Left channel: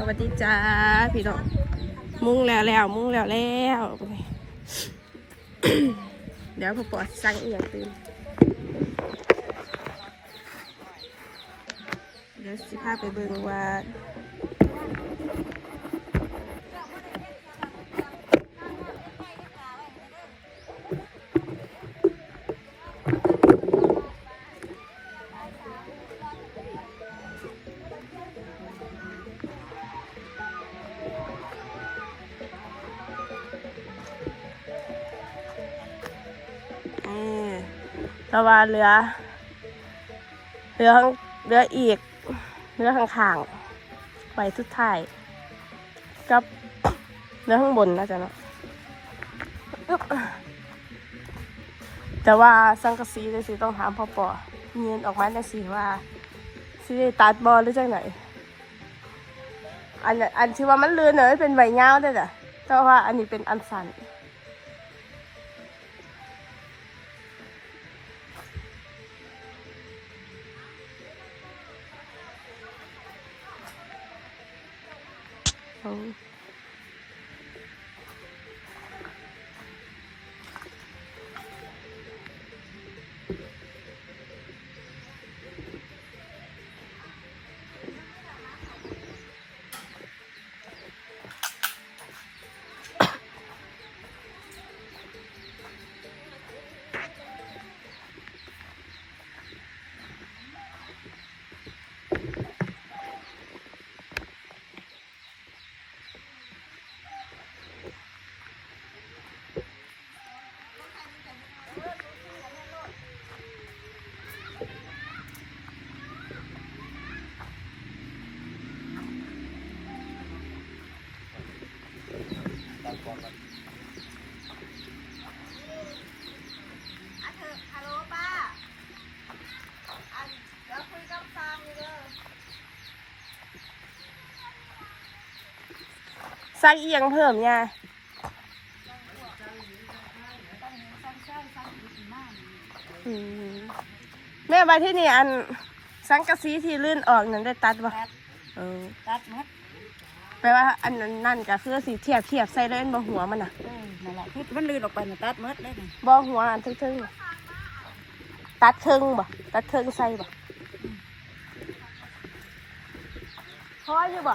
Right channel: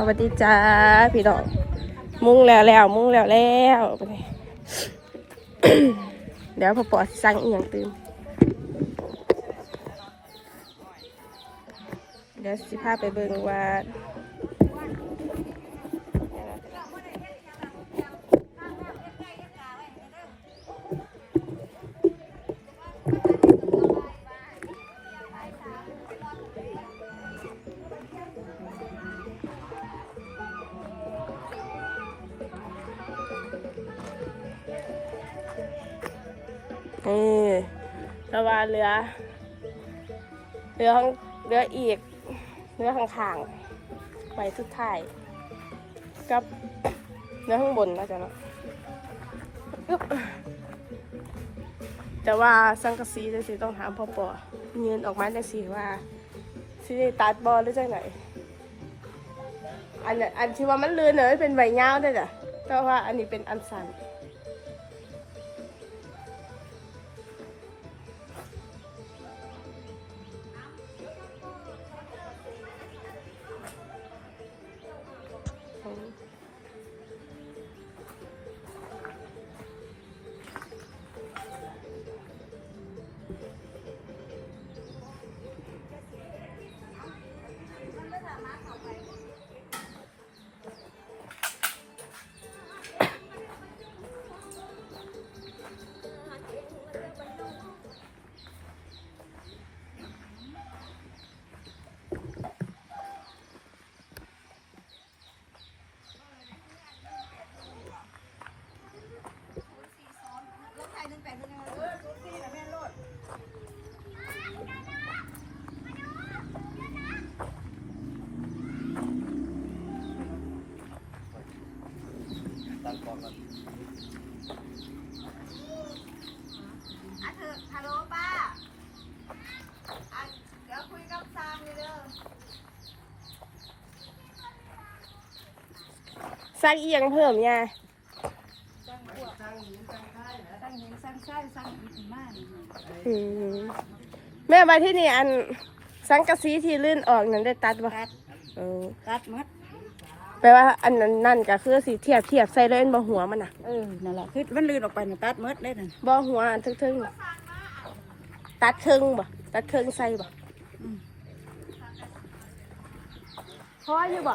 สวัสดีจ้าพี่ดอก มุ้งแล้วแล้วมุ้งแล้วแล้วเดี๋ยวพอปอดสั่งอีกอย่างตื่นเดี๋ยวสิพาไปเบิ่งว่า นี่ระวาเรือ เรือข้างเรืออีก เรือข้างๆไปสุดท้าย กับเรือข้างบนนะจ๊ะเนาะแต่ว่าสังกะสีจังสีต้องถามพ่อปอเงินออกมาจังสีว่าสิได้ตัดบอลหรือจังไหนอันอันที่ว่ามันเลือนเนยเป็นใบเงาได้จ้ะแต่ว่าอันนี้เป็นอันสัน อื มสร้างอียังเพิ่มเนี่ยแม่มาที่นี่อันสังกะสีที่ลื่นออกนั้นได้ตัดบ่ตัดเออตัดมัดแปลว่าอันนั้นนั่นก็คือสีเทียบเทียบใส่เล่นบ่หัวมันน่ะเออนั่นแหละคือมันรีบออกไปนี่ตัดมัดเลยนั่นบ่หัวอันทึ่งๆน่ะตัดครึ่งบ่ตัดครึ่งใส่บ่พออยู่บ่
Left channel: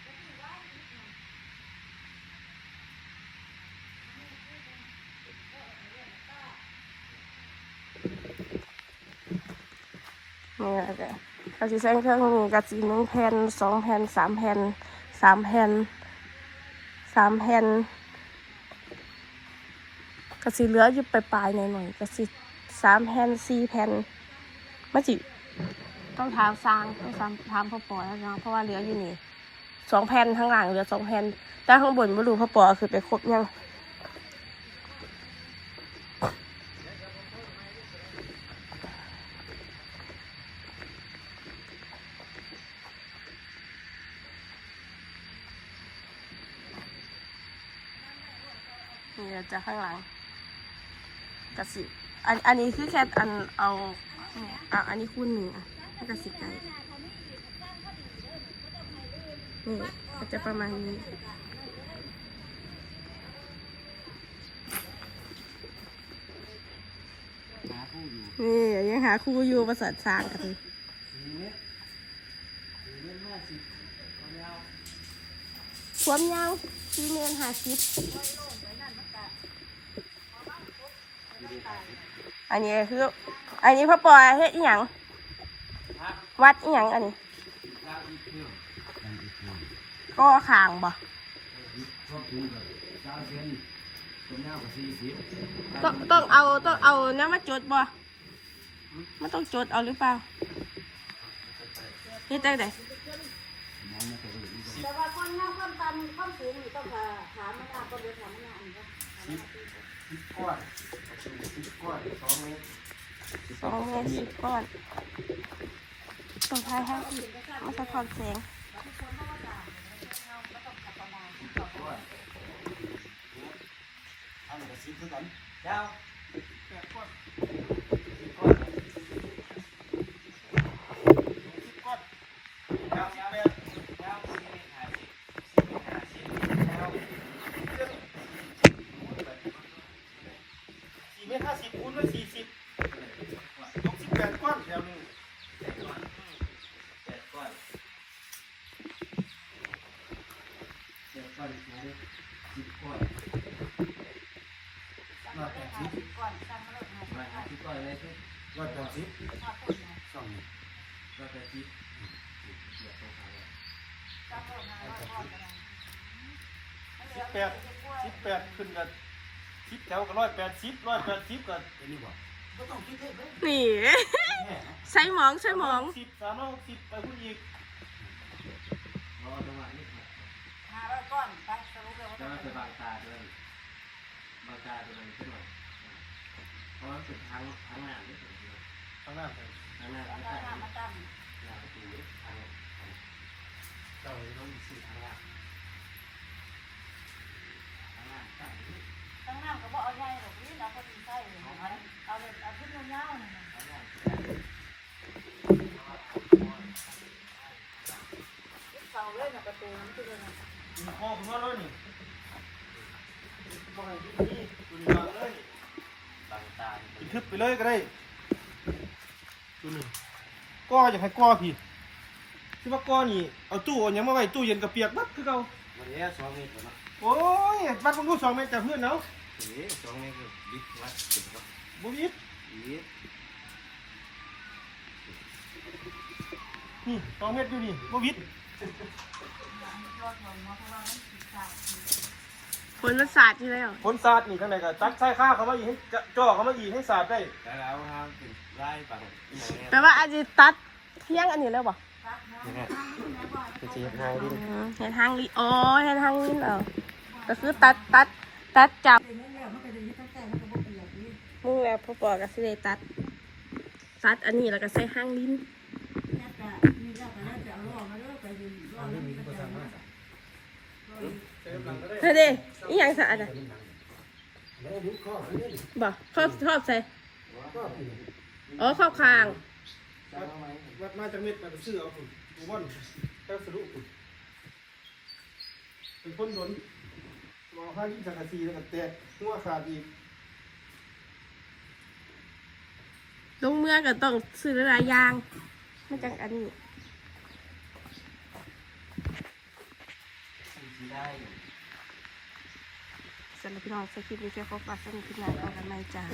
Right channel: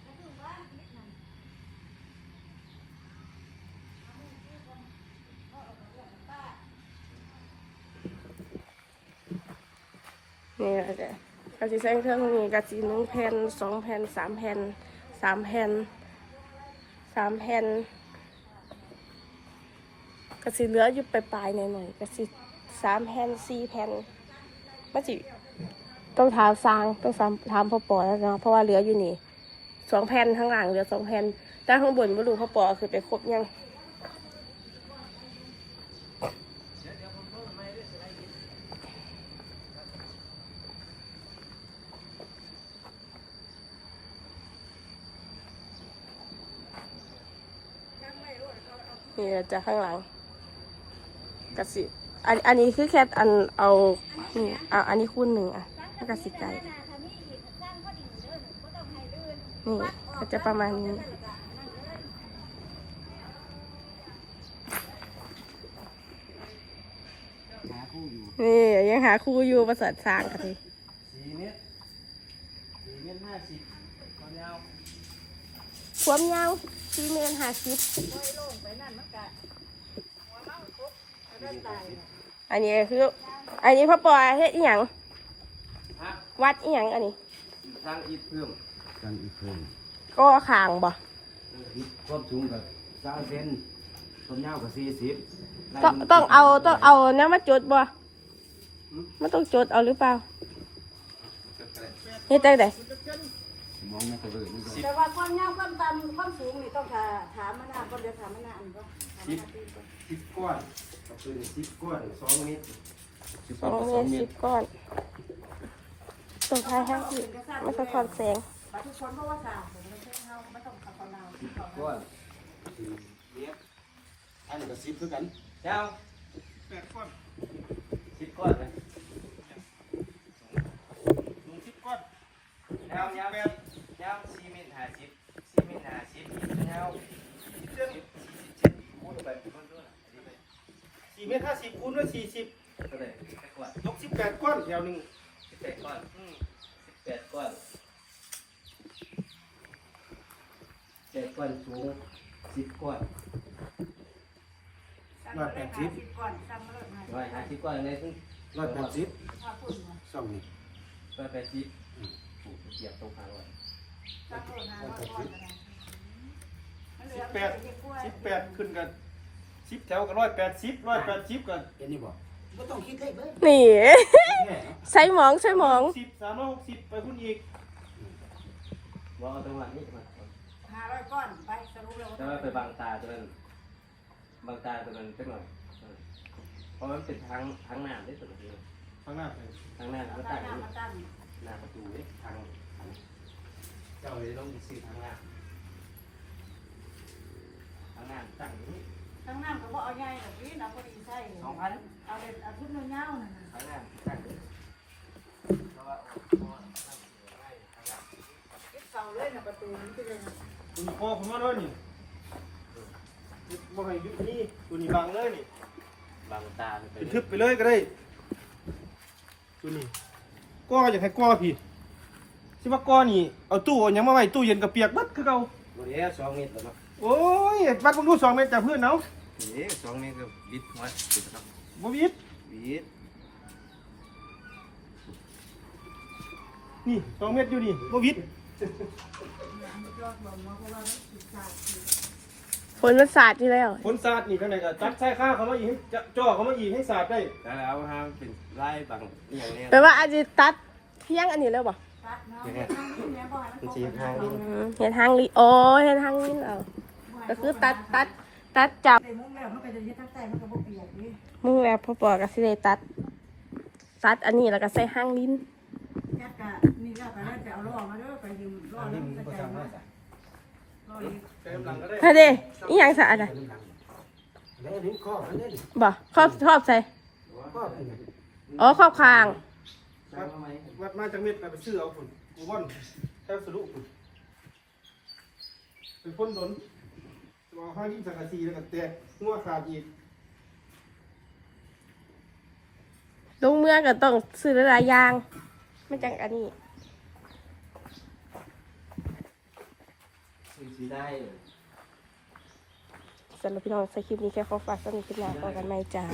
นี่แหละจ้ะเขาสิใช้เครื่องนี้กระสีหนึ่งแผ่นสองแผ่นสามแผ่นสามแผ่นสามแผ่นกระสีเหลืออยู่ปลายๆหน่อยๆกระสีสามแผ่นสี่แผ่นมันจิต้องถามสร้างต้องถามถามพ่อปอแล้วนะเพราะว่าเหลืออยู่นี่สองแผ่นข้างหลังเหลือสองแผ่นด้านข้างบนไม่รู้พ่อปอคือไปครบยัง นี่จะข้างหลังกระสีอันอันนี้คือแค่อันเอานี่อะอันนี้คูณหนึ่งอะแล้วกระสีไก่นี่ก็จะประมาณนี้นี่ยังหาครูอยู่ประเสริฐสร้างกันสี่เมตรสี่เมตรห้าสิบความยาว ความยาวสี่เมตรห้าสิบอันนี้คือ อันนี้พ่อปอเฮ็ดอีหยังฮะวัดอีหยังอันนี้สร้างอีกเครื่องสร้างอีกเครื่องก็คางบ่อีกความสูงกับสามเซนความยาวกับสี่สิบต้องต้องเอาต้องเอาน้ำมาจดบ่มันต้องจดเอาหรือเปล่าเฮ็ดได้ได มองในกระเบื้องนี่ด้วแต่ว่าความยาวความต่ำความสูงก็แต้อหาไม่ได้ก็เดี๋ยวหาไม่ได้งก็สิบก้อนประตูเนี่ยสิบก้อนสองเมตรสองเมตรสิบก้อนตรงท้ายห้างที่มันสะท้อนแสงทอนแสงด้วยอันนี้อนท่านก็สิบคือกันเจ้าสิบก้อนสิบก้อนเยสิบก้เจ้าเจ้า วยาวสี่เมตรห้าสิบสี่เมตรห้าสิบยาวสี่เมตรห้าสิบคูณด้วยสี่สิบเท่าไหร่กว่าหกสิบแปดก้อนแถวหนึ่งแปดก้อนแปดก้อนแปดก้อนสูงสิบก้อนร้อยแปดสิบก่อนซ้ำแล้วไงร้อยห้าสิบก้อนเลยคือร้อยแปดสิบถ้าพูดนะสองนี่ร้อยแปดสิบเสียบตรงกลางเลย สิอบแปดสิบแปดขึ้นกันสิบแถวก็ร้อยแปดสิบร้อยแปดสิบกันเป็นนี่บอกไม่ต้องคิดเลยเว้ยนี่แน่นะใส่หมองใส่หมองสิบสามร้อยหกสิบไปพุ่นอีกรอตรงหลังนี่มาห้าร้อยก้อนไปสรุปแล้วแต่ว่าไปบางตาตัวนั้นบางตาตัวนั้นเป็นหน่อยเพราะมันเป็นทางทางหน้าได้ตัวนี้ข้างหน้าทางหน้าเอาก็ตั้ตั้งงมาตั้งหน้าประตูทาง เจ้าเลยต้องมีสี่ทางล่างทางหน้าตั้งนี้ตั้งน้ำก็บอกเอาไงหรอกนี่เราก็ดีใช่เลยเอาเลยเอาขึ้นมาเงาทางหน้าตั้งนี้เสาเลยนะประตูมันจะเป็นคุณพ่อผมมาเลยนี่มาให้ยุคนี้ตัวนี้บังเลยนี่บางตาเป็นทึบไปเลยก็ได้ตัวนี้ก้ออยากให้ก้อพี่ ที่ว่าก้อนี่เอาตู้เอาหยังมาไว้ตู้เย็นกับเปียกบัดคือเก่าวันนี้สองเมตรแล้วเนาะโอ้ยบัดผมดูสองเมตรจากเพื่อนเอานี่ตรงนี้ก็บิดมาสุดครับบ่วิดบิดนี่สองเมตรอยู่นี่บ่วิดฝนมันสาดอยู่แล้วคนสาดนี่ทางไหนก็จัดใส่ข้าวเขามาอีกให้จ่อเขามาอีกให้สาดได้แต่เอาห้ามเป็นไล่บางอย่างนี้แปลว่าอาจจะตัดเที่ยงอันนี้แล้วบ่ ตัดน้ำน้ำนี่นะบ่อยคือสี่ทางอืนี่มเห็นทางลิโอ้เห็นทางลิ้นเอาก็คือตัดตัดตัดจับแต่มุ้งแล้วมันก็จะยึดตั้งแต่มันก็บ่เปียกนี่มึงแล้วพ่อปอก็คือตัด ตัดอันนี้แล้วก็ใส่ห้างลิ้นแค่กะมีแล้วก็แล้วจะเอาล่อมาเด้อไปยืมล่อทางแล้นี้วมีมันก็ภาจะษามาภาษาล่อเลยใช้กำลังก็ได้เฮ้ยเด้อีหยังสะอาดอะตัวน้ำหนังแล้วนิ้วข้ออันนี้บ่ครอบครอบใส่ข้อคืออ๋อครอบคาง วัดวัดมาจากเม็ดไปซื้อเอาฝุ่นกูว่อนแค่สรุปฝุ่นเป็นคนหลนวางผ้างยิ่งสังกะสีแล้วก็แตกหัวขาดอีกลงเมื่อก็ต้องซื้อหลายอย่าง ไม่จังอันนี้สีได้สำหรับพี่น้องสคริปต์นี้แค่ขอฝากสนุกขึ้นมาต่อกันไหมจ้า